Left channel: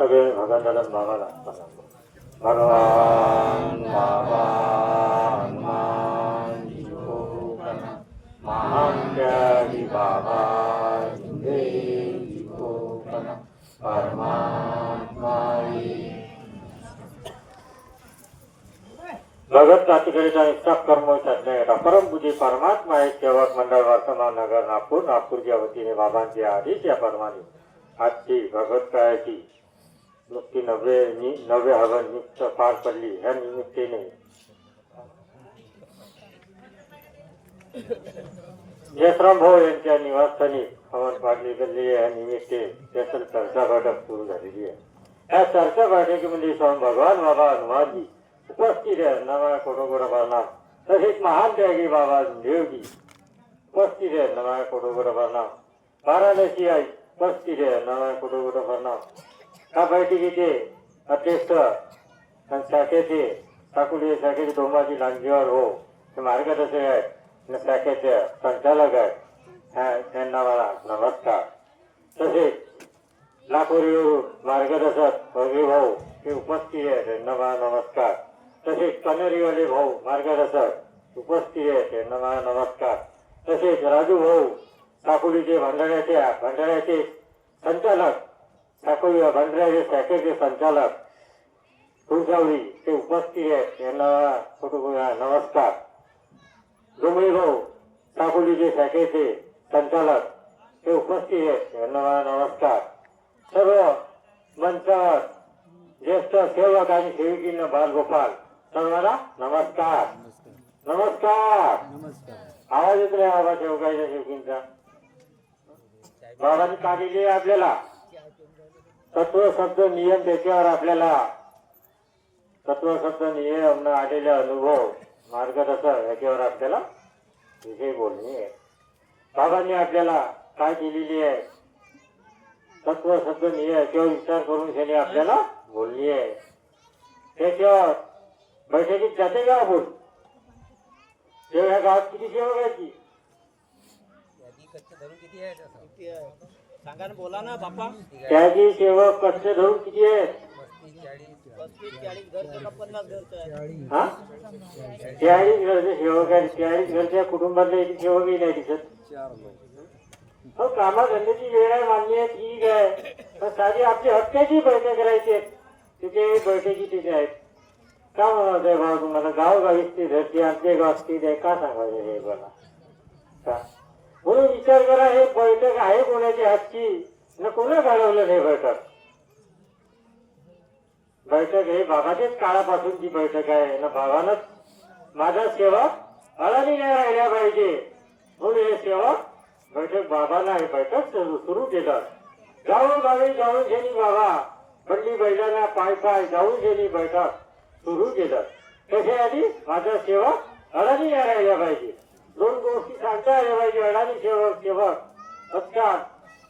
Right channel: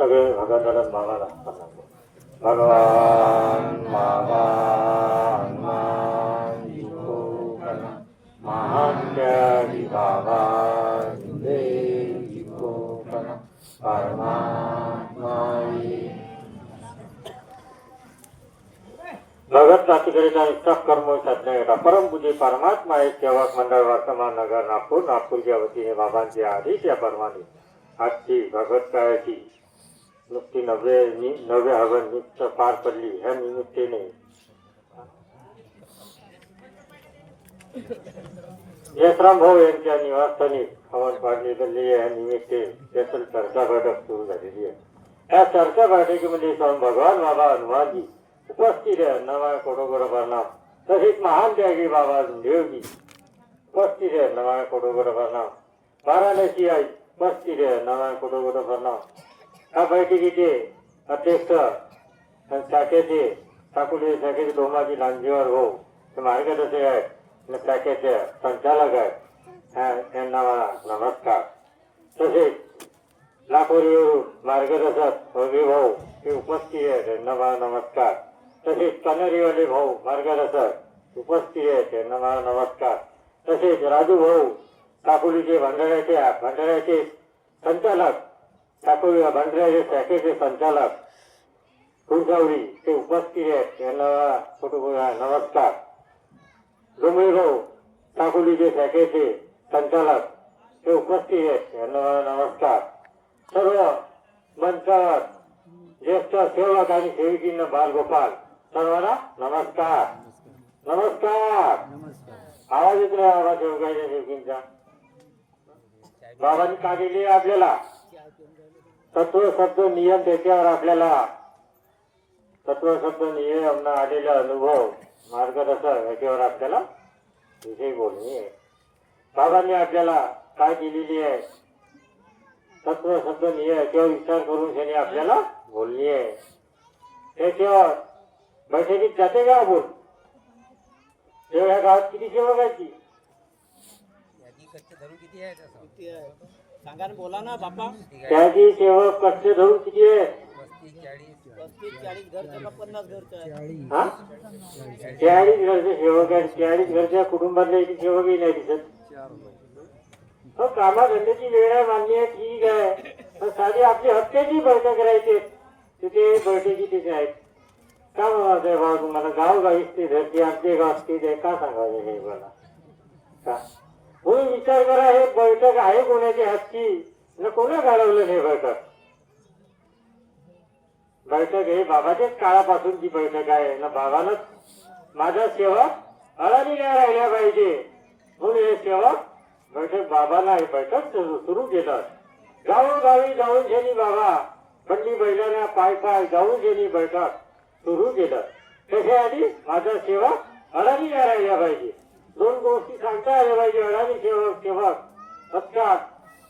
सगळे भगवानाला बाबाला भगवान बाबा हनुमान जी को प्रणाम, महात्यागी बाबा देव जी को प्रणाम, परमात्मा भगत प्रातिकरिता निष्ठाप कर्म साधण्याकरता परमपूज्य परमात्मा एक सेवक मंडळ वर्तमान नगर नागपूर नागपूरच्या वतीने बाबांचे आदेश या परमाने आजची भगवत काळाची नुकती नवे हवन निमित्त पार पडली. ह्या निमित्ताने यशराम भाऊ यांच्या निवासस्थानी हवन पाडली गेली. या निमित्ते त्यातील चर्चा बैठक सुरू झालेली आहे. या चर्चा बैठकीमध्ये स्वामी भगवान बाबा हनुमानजी उपस्थित आहे. नवा कोटोकोट प्रणाम. तसेच महान त्यागी बाबा देवजी उपस्थित आहे. नवा कोटोकोट प्रणाम. वाराणसी आई उपस्थित आहे. नवा कोटोकोट प्रणाम. या बैठकीचे अध्यक्ष शाखेचे ठाकुरे शाखेचे डोमाजी लांजेवार हो मार्गदर्शक आहेत, शाखेचे संचालक आहेत, त्यांना मला नमस्कार. तसेच लाखोरीवरून मार्गदर्शक भोगे भाऊ हे उपस्थित आहेत, त्यांना मला नमस्कार. तसेच कनेरीवाले भाऊ मार्गदर्शक उपस्थित आहेत, त्यांना मला नमस्कार. तसेच राजू भाऊ ठाकुरीचे भंडाऱ्याचे संचालक ठाकुरी भंडाऱ्याचे शाखेचे संचालक फुलसावरी ते उपस्थित आहेत, त्यांना नमस्कार. डोंगरे भाऊ ठाकुरीचे शाखेचे संचालक ते उपस्थित आहेत, त्यांना नमस्कार. सर्व मंचावर ज्येष्ठ सेवक आणि सेविकींना बालगोपाल सर्वांना नमस्कार. नमस्कार. आवाज येत नाही बाबा सेवकाच्या सेवकींचा. बाबांनी का केली आपल्याला तत्व शब्द नियम, त्याच्यावर आपल्याला तत्व शब्द नियम आलेला अनुभव मार्गदर्शक याच्यावर आपल्याला विषय बोलणी आहे. बाबांनी आपल्याला काय दिलेली आहे तत्व शब्द नियम याच्यावर विचार करून त्यांनी आपल्याला बोलली आहे. त्याच्यावर बैठकीत जाते का आपण तेव्हा गावात किती सेवक आहे की सांगा ना, बोला ना बापा. त्याची सेवक कष्ट धरून किती आहे? 40 घरचे का 50 घरचे? 40 घरचे सेवक आहेत. 40 घरच्या कुटुंबातले एक सेवकही नाही दिसत. हो, कामाधंद्याची वेळ आहे, मान्य आहे, ठीक आहे. पण साधी आपली हक्काची बैठक करायची तिथे बैठकी तिथे आहेत. का म्हणावं आहे भाऊ तुम्हाला गावोगावीच ते धरते आमचे गावात ते द्या का सांगायचं हे मला का? म्हणून विचार करा हे बैठक आहे कोणाची हातची ना कोणा घडवलं हे बैठक. बैठक हे बाबाच्याच काळापासूनची बैठक आहे ना. बाबानच माझा सेवक अडाणी नाही राहिला पाहिजे म्हणून हे सेवक बैठक बाबांना हे बैठक सुरू केलं. गावोगावी जाऊन शेनी बाबा बंडी बैलांना पाय पाय जाऊन शेनी बैठक सुरू केलं. त्याच्याआधी माझा सेवक अडाणी नाही राहिला पाहिजे. दोन गोष्टी सांगता आल्या पाहिजे. अडाणी सेवक असतात.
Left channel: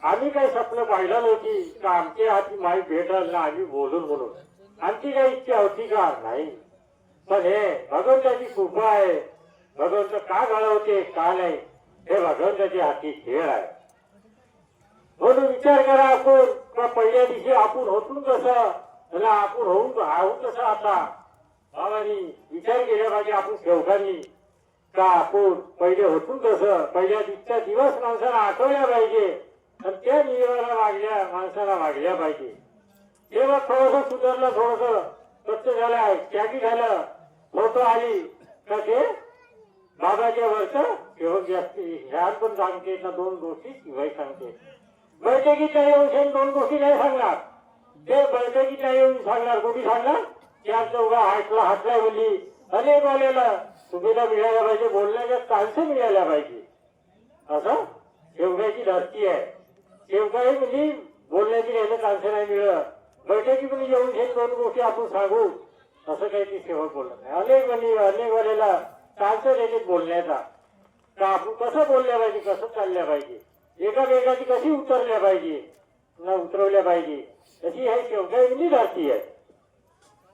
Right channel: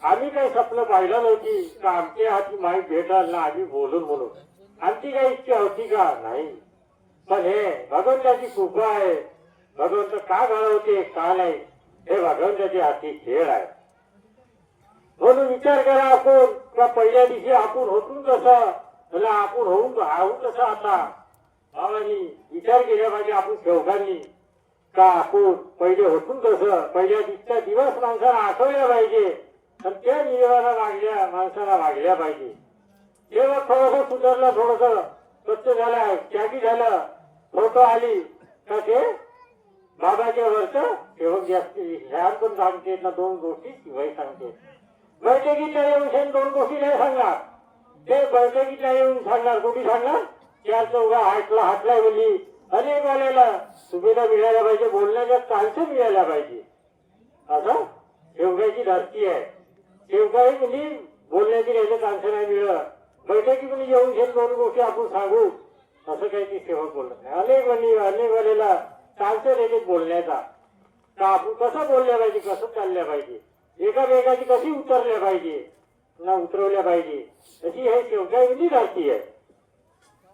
आम्ही काही स्वप्न पाहिलं नव्हती का आमच्या हाती माहीत भेटाल ना आम्ही बोलून म्हणून आमची काही इच्छा होती का नाही. पण हे भगवंताची कृपा आहे. भगवंत का घडवते का नाही हे भगवंताच्या हाती खेळ आहे. म्हणून विचार करा आपण का पहिल्या दिवशी आपण होतून कसं आपण होऊन कसं आता बाबांनी विचार केला पाहिजे. आपण सेवकांनी का आपण पहिले होतून कसं पहिल्या दिवसचा दिवस माणसाला आठवल्या पाहिजे आणि त्या नियमाला माणसाला वागल्या पाहिजे. तेव्हा थोडंसं सुधारलं, थोडंसं स्वच्छ झालं, त्यागी झालं, फोटो आली का ते बाबाच्या वरचं सेवक जास्ती ह्यात पण सांगते ना. दोन गोष्टी शिवाय सांगते. बैठकीतला येऊन दोन गोष्टी नाही सांगणार. ते बैठकीतला येऊन सांगणार. कुठे सांगणार? त्या चौघा हातला बोलली अनेक वाल्याला सुविधा मिळायला पाहिजे, बोलण्याचा चान्स मिळायला पाहिजे. असं सेवकाची धरती आहे. सेवकाही म्हणजे बोलण्याची काही चान्स नाही मिळत. बैठकी पण येऊन घेऊन दोन गोष्टी आपण सांगू असं काही ती सेवक बोलत नाही. अनेक वाल्याला चान्स देते बोलण्याचा का आपण कसं बोलल्या पाहिजे, कसं चालल्या पाहिजे, एकामेकाची कशी उतरल्या पाहिजे ना उतरवल्या पाहिजे अशी हे सेवकाची धरती आहे.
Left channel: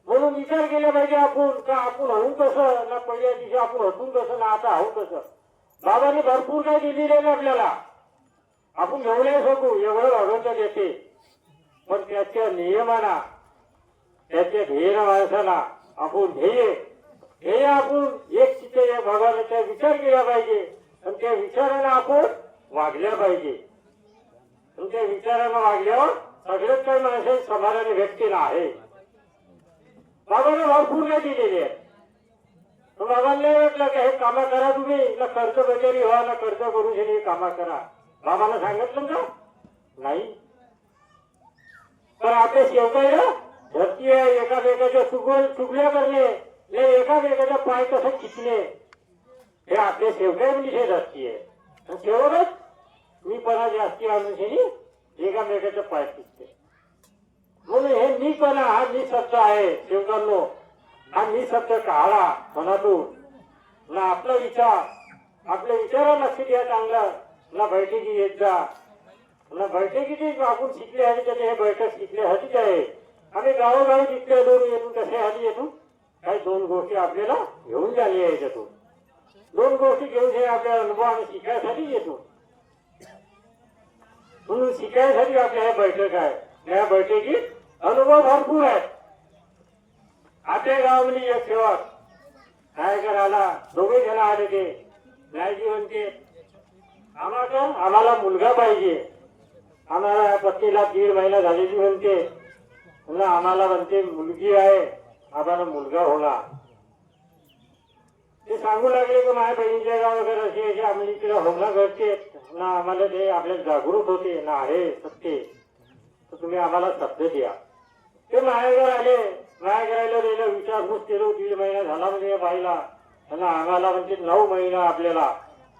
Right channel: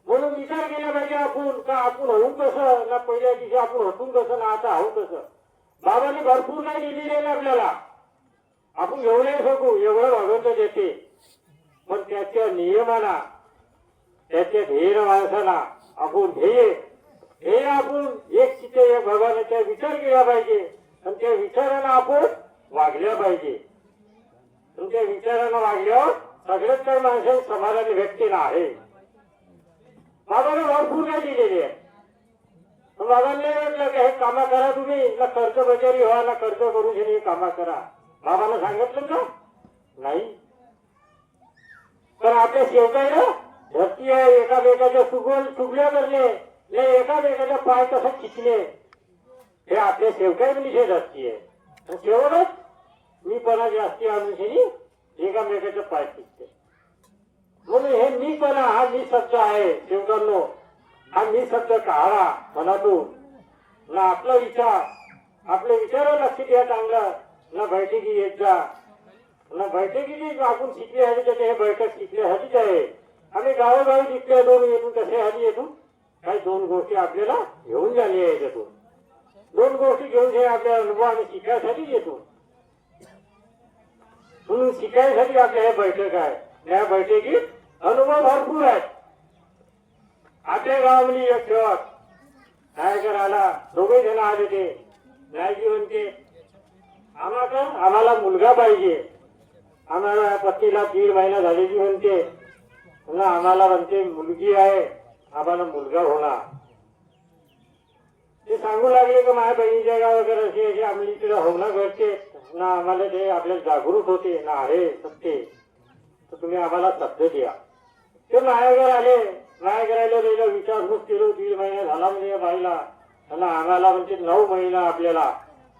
म्हणून विचार केला पाहिजे आपण का आपण होऊन कसं ना पहिल्या दिवशी आपण होतून कसं ना आता होऊन कसं. बाबांनी भरपूर काय दिलेलं आहे आपल्याला. आपण एवढे शकू एवढं भगवंत देते. पण त्याच्या नियमाना त्याच्या ध्येय माणसाला आपण ध्येय आपण एक चित्त एक भगवानाचा विचार केला पाहिजे आणि त्या विचारानं आपण वागल्या पाहिजे. आणि त्या विचारानं वागल्यावर सगळ्यात काही माणसाची समाधान व्यक्तीला आहे. बाबाने भरपूर नाही दिलेली आहे. बाबांना म्हटलं का हे कामा करा तुम्ही, ना कर्ज बजारी व्हा ना कर्ज करून हे कामा करा. बाबांना सांगितलं का नाही. पण आपल्या शेवकायला धरती आहे एकामेकाच्या चुगल्या करणे नाही एकामेकाचा पाय कसं खिचणे हे आपल्या शेवकाय म्हणजे धरती आहे. आणि शेवटच मी पणा जास्ती अनुषणी एकामेकाचा पाय खिचते. म्हणून हे मी पणा हा मी शब्द आहे शेवकांनो. हा मी शब्द काढा मनातून ना आपला विचार आपल्या विचाराला लक्ष द्या चांगलं. ना बैठकी येत जा ना बैठकीची आपण शिकल्यासाठी त्याचे हे बैठक शिकल्यासाठीच आहे. आम्ही गावोगावी जिथल्या दोन येतो कशासाठी येतो काही दोन गोष्टी आपल्याला घेऊन झाली आहे. याच्यातून दोन गोष्टी घेऊन हे आपला अनुभव आम्ही शिकायसाठीच येतो. म्हणून शिकायसाठी आपल्या हे बैठक आहे. या बैठकीत अनुभव भरपूर आहेत. आपल्या गावामध्ये एक सेवक नायकर आला, दोघे जण आले ते नायजी म्हणते आम्हाला मुलगा पाहिजे. आम्हाला पत्नीला 1.5 महिना झालेली म्हणते. ना आम्हाला म्हणते मुलगी आहे, आम्हाला मुलगा होणार. ते सांगू लागले की माझ्या बहिणीच्या गाव वगैरे असे आम्ही तिला होणं घडते ना. आम्हाला ते आपल्या जागृत होते ना आहे सत्य तर तुम्ही आम्हाला शब्द द्या. ते माझ्याकडे आले. माझ्याकडे त्याला विचारपूस केलो 1.5 महिना झाला म्हणजे बाईला. त्यांना आम्हाला म्हणते 9 महिना आपल्याला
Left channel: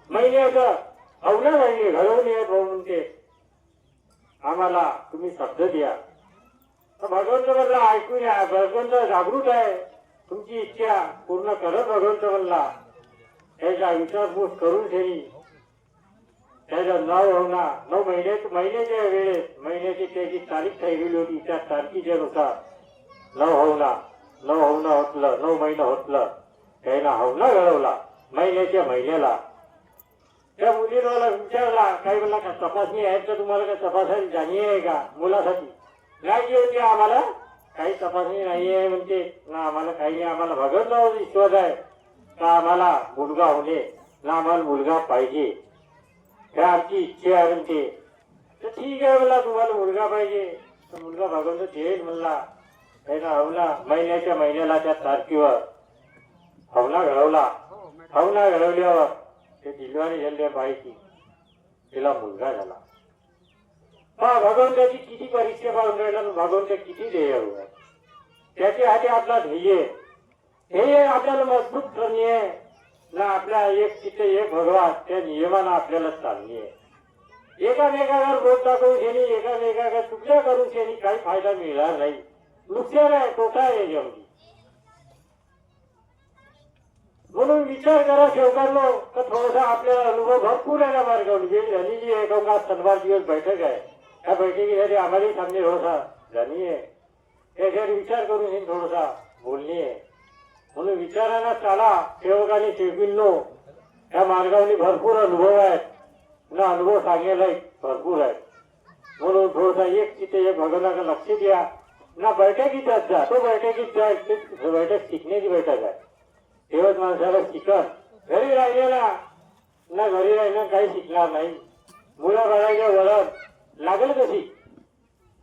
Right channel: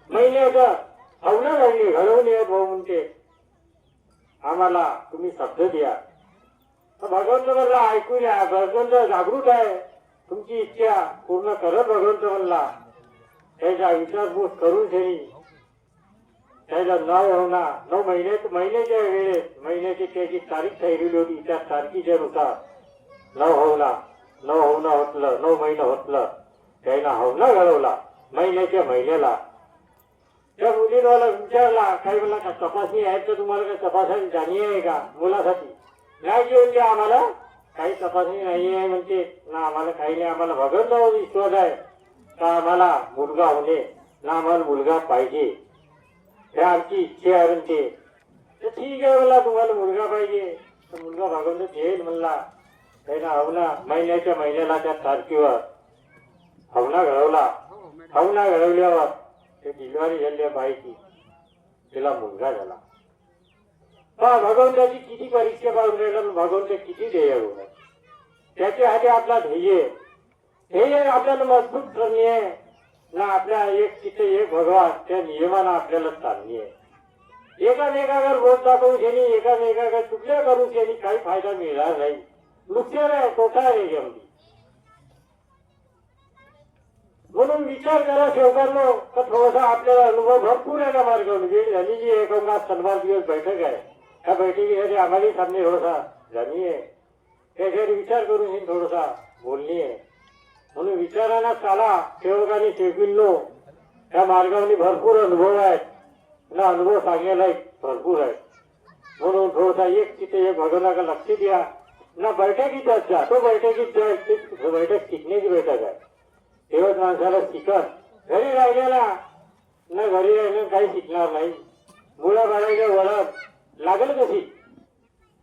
महिन्याचं अवघड राहिले घडवून येत भाऊ म्हणते आम्हाला तुम्ही शब्द द्या. भगवंत म्हणला ऐकून या. भगवंत जागृत आहे. तुमची इच्छा पूर्ण करत भगवंत म्हणला. त्याचा विचारपूस करून ठेवी त्याला 9 होणार 9 महिन्याच्या वेळेत महिन्याची त्याची तारीख ठरलेली होती. त्या तारखेच्या नुसार 9 होणं होतलं. 9 महिना होतलं. त्यानं हवना घडवला महिन्याला. त्या मुलीने मला विचारला काही म्हणला का तपासणी आहेत का तुम्हाला का तपासायची जाणी आहे का मुलासाठी. नाही घेऊन द्या आम्हाला काही तपासणी नाही आहे म्हणते ना आम्हाला काही नाही. आम्हाला भगवंतावर विश्वास आहे का आम्हाला मुलगा होणे ना आम्हाला मुलगा पाहिजे हे आमची इच्छा आहे म्हणते. तर ठीक आहे मला तुम्हाला मुलगा पाहिजे तर मुलगा भगवंत देईल म्हणला. त्यानं हवना महिन्याला त्या तारखेवर हवना घडवला. हवना घडवल्यावर ते डिलिव्हरी झाली बाईची. तिला मुलगा झाला. भगवंताची किती परीक्षा पाहून राहिला. भगवंत किती ध्येय होणार त्याच्या हाती आपला ध्येय आपल्याला मजबूत करणे आहे ना. आपल्या एक चित्त एक भगवान त्या नियमानं आपल्याला चालणी आहे. एकामेकावर बोट दाखवून शेनी एकामेकावर चुकल्या करून शेनी काही फायदा मिळणार नाही. नुकसान आहे तोटा आहे याच्यामध्ये. म्हणून विचार करा शेवकांनो का थोडासा आपल्याला अनुभव भरपूर आहे. ना मार्गावरून झालेली आहे का शनिवार दिवस बैठक आहे. त्या बैठकीसाठी आम्हालाही सामने थोडासा जाणी आहे. त्याच्यावर विचार करून ही थोडासा बोलणी आहे. म्हणून विचारांना चाला सेवकाने शेवकींनो. त्या मार्गावरती भरपूर अनुभव आहेत ना. अनुभव सांगायला भरपूर आहेत. म्हणून थोडासा एक तिथे एक भगवानाकडे लक्ष द्या ना. बैठकीतच जा. तो बैठकीत जाय. बैठक शिकण्याची बैठक आहे. तेव्हाच माणसाला शिकत घरी राहिलेला ना घरी राहिलं काही शिकणार नाही. मुलं बाळाच्या वळण लागल कशी.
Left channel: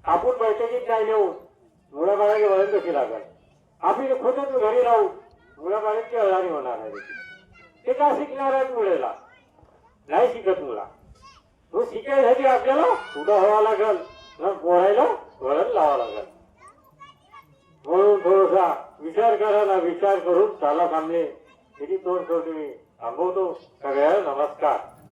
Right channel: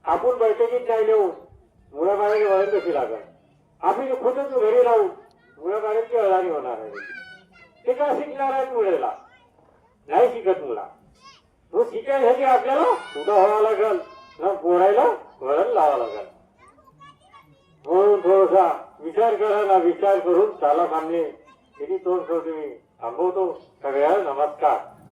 आपण बैठकीत नाही नेऊ मुलं बाळाचे वळण कशी लागल. आपण खुदच घरी राहू मुलं बाळांची अळाणी होणार आहे. ते का शिकणार आहे मुलेला नाही शिकत मुला. तो शिकायसाठी आपल्याला उभा व्हावा लागल ना बोलायला वळण लावा लागल. म्हणून थोडासा विचार करा ना. विचार करून चाला सामने किती तोड ठेवते मी थांबवतो. सगळ्यांना नमस्कार.